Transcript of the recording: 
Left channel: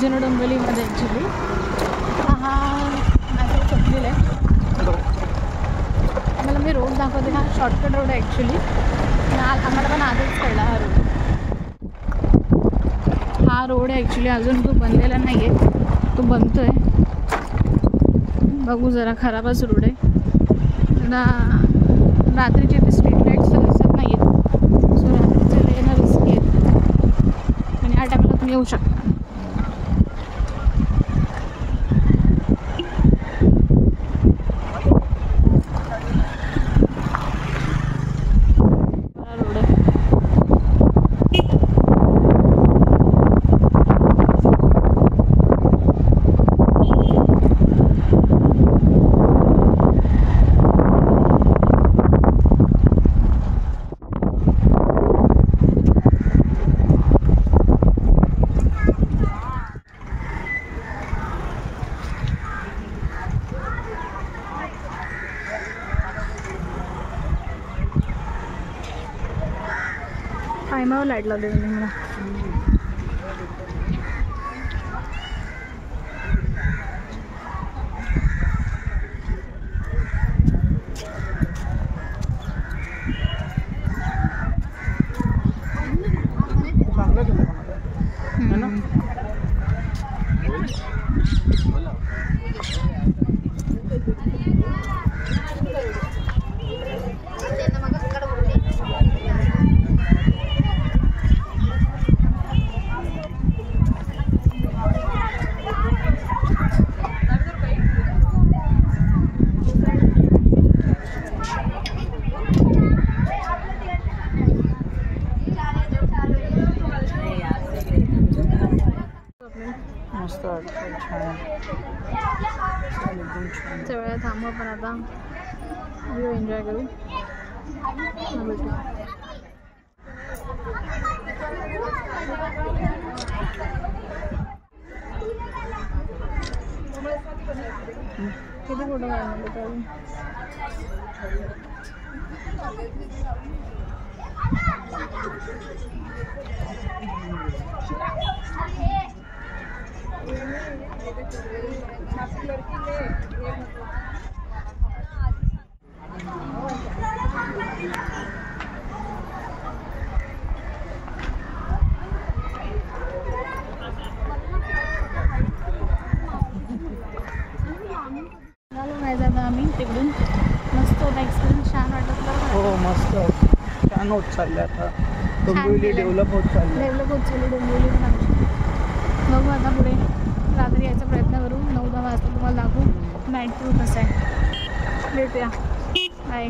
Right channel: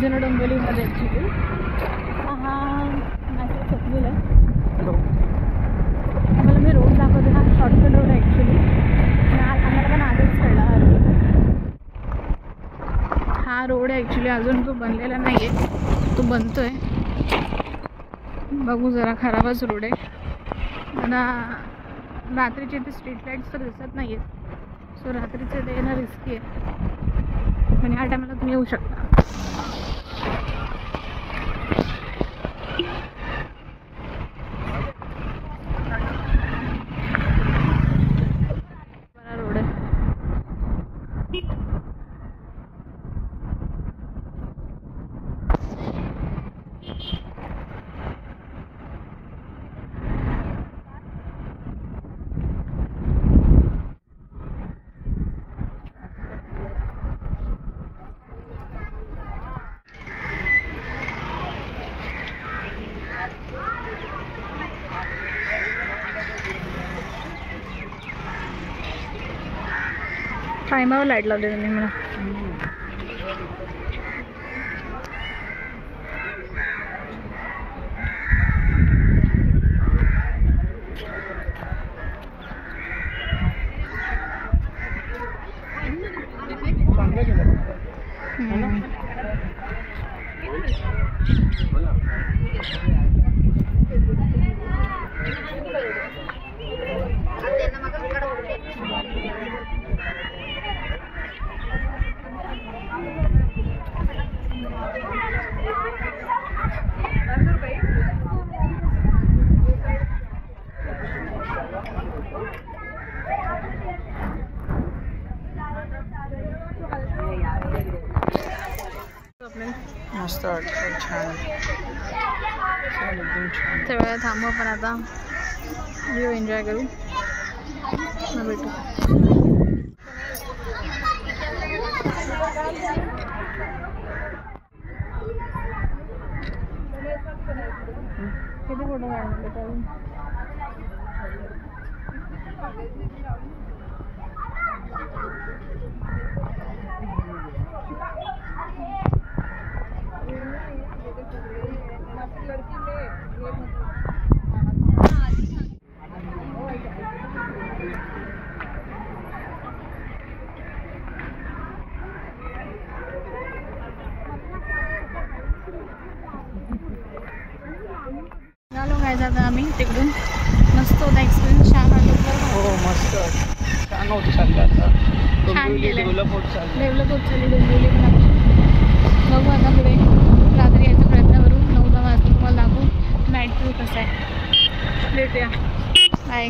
जुनं डोंबिवलीमध्ये ॲक्च्युली हा मॅसेज छपलेला आहे. आम्हाला मी रोड दाखवते. हा शॉर्टकट रोड आहे ॲक्च्युली. आम्हाला पण आजच कळला हा रोड. हा रोड आहे ॲक्च्युली, अजून तो बनलेला नाही आहे, तो बनतो आहे. बघू जरा खराबच रोड आहे. मला रात्रीचे बी स्ट्रीट लाईट्स तर दिसत नाही आहेत, सो रात्रीचं येणं रिस्की आहे. म्हणजे ह्या टायमाला तुम्ही येऊ शकता. रोड आहे. टायमावर लाईट लावली त्यांनी मला. मस्त वाटतं, छान एकदम छान. त्या वेळेला थांबू पण आता व्ह्यू एन्जॉय करू. भेटू. किती फोटो काढले चालू. आता आम्ही तिकडून मस्त होता एक्सपिरियन्स, छान वाटलं. हो मस्त छान होत चाललं आता. डोंबिवली डेव्हलप होत चालली डोंबिवली पण. बघू आता पुढे रात्री यायचा प्रयत्न करू. 9-10 वाजता तुम्हाला दाखवू नाईट व्यू कसा आहे. भेटूया. बाय.